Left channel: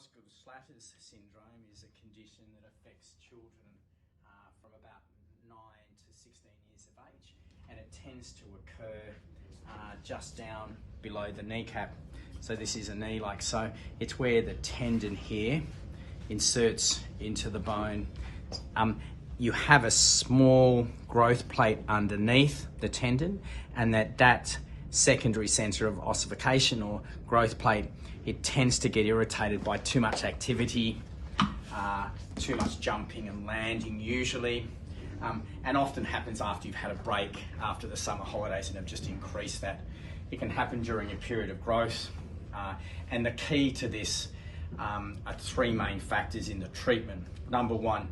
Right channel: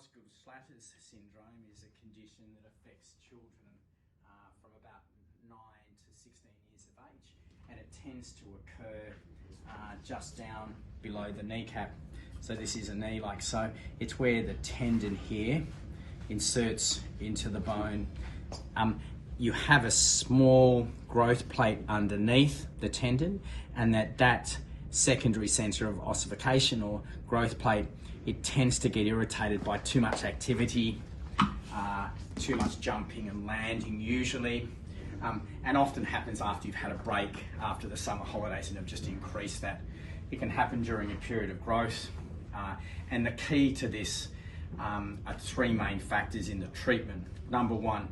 Osgood-Schlatter syndrome is a condition that affects children from about 9 to 16 years of age, and it tends to occur just down below the kneecap. So this is a knee like so. It's where the tendon here inserts into the bone. You have a small growth plate underneath the tendon, and that secondary centre of ossification or growth plate, it tends to get irritated by too much activity, too much jumping and landing usually, and often happens after you've had a break after the summer holidays and have just increased that. It can happen during a period of growth, and the key to this are three main factors in the treatment. Number one,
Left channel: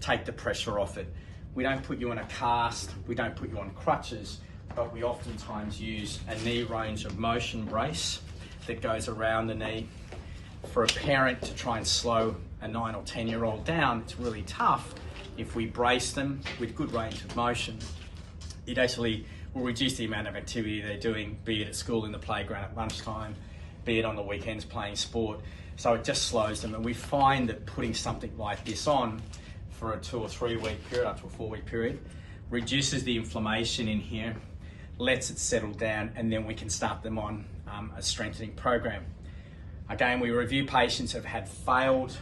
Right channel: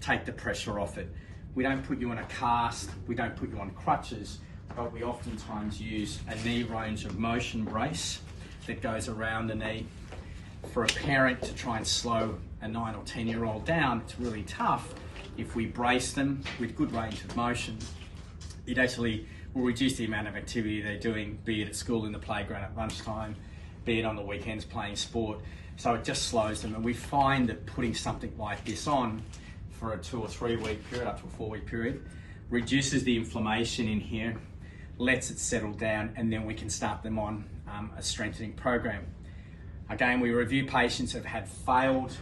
take the pressure off it. We don't put you in a cast, we don't put you on crutches, but we oftentimes use a knee range of motion brace that goes around the knee. For a parent to try and slow a 9 or 10-year-old down, it's really tough. If we brace them with good range of motion, it actually will reduce the amount of activity they're doing, be it at school, in the playground, at lunchtime, be it on the weekends playing sport. So it just slows them, and we find that putting something like this on for a 2 or 3 week period, up to a 4 week period, reduces the inflammation in here, lets it settle down, and then we can start them on a strengthening program. Again, we review patients who have had failed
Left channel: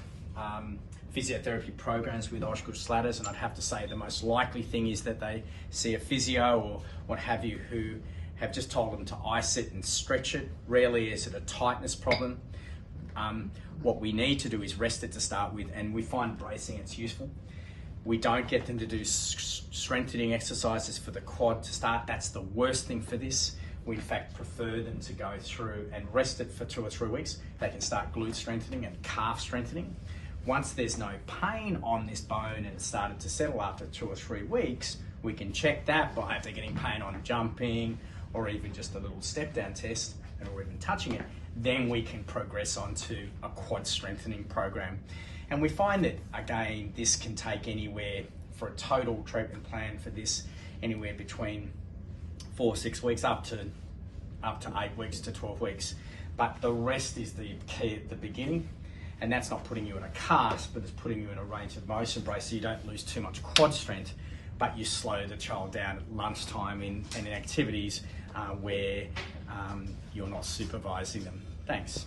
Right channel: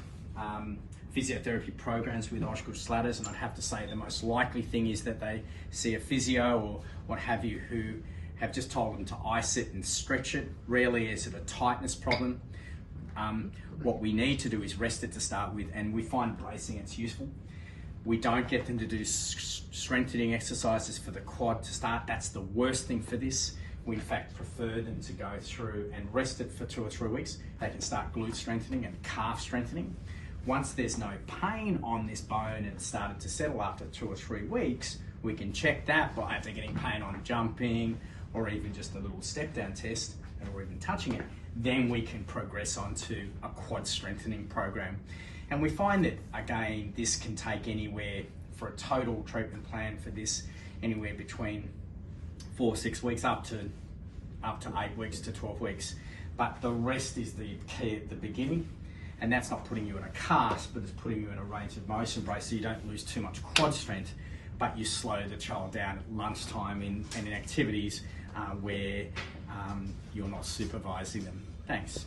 physiotherapy programs with Osgood-Schlatters, and I'd have to say the most likely thing is that they see a physio or what have you who have just told them to ice it and stretch it. Rarely is it a tightness problem. What we need to do is rest it to start with, and we find bracing it's useful. We don't get them to do strengthening exercises for the quad to start. That's the worst thing for this. We in fact prefer them to go through and rest it for 2 or 3 weeks. They can start glute strengthening and calf strengthening. Once there's no pain on this bone and it's started to settle after 2 or 3 weeks, we can check that by if they're getting pain on jumping or even just a little step down test or even touching it. Then we can progress on to a quad strengthening program. And we find that, again, this can take anywhere, for a total treatment plan for this, anywhere between 4 or 6 weeks up to 8 weeks to 12 weeks. But the rest is the key at the beginning. And that's not putting you in a cast, but it's putting you in a range of motion brace so you don't lose too much quad strength, but you slow the child down at lunchtime and in activities where you're not supervising them. Thanks.